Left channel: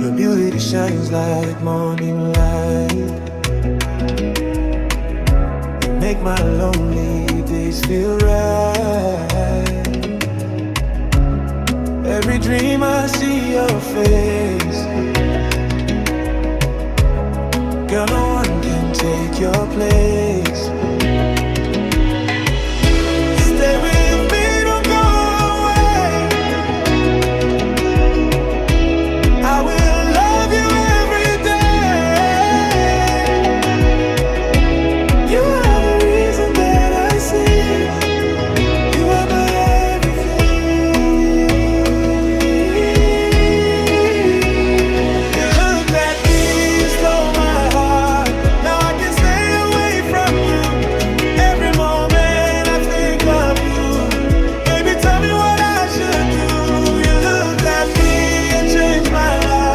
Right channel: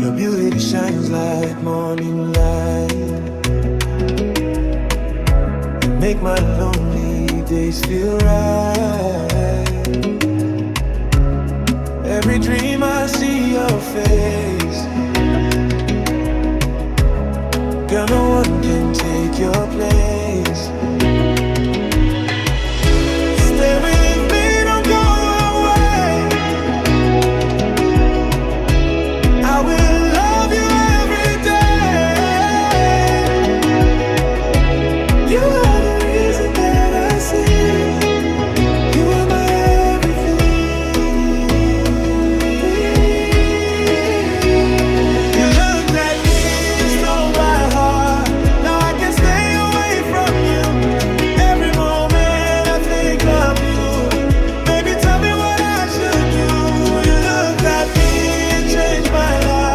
Your beauty shines like morning light. You make my lonely days feel right. Every dream I see your face. Girl, no one can take your place. Stay with me, don't go away. I will love you every day. You are the reason that I sing. You are my everything. You looked at me, you stole my heart. Now I can't stay away from you. Every moment I think of you. Baby, tell me what I should do. You looked at me and changed my life.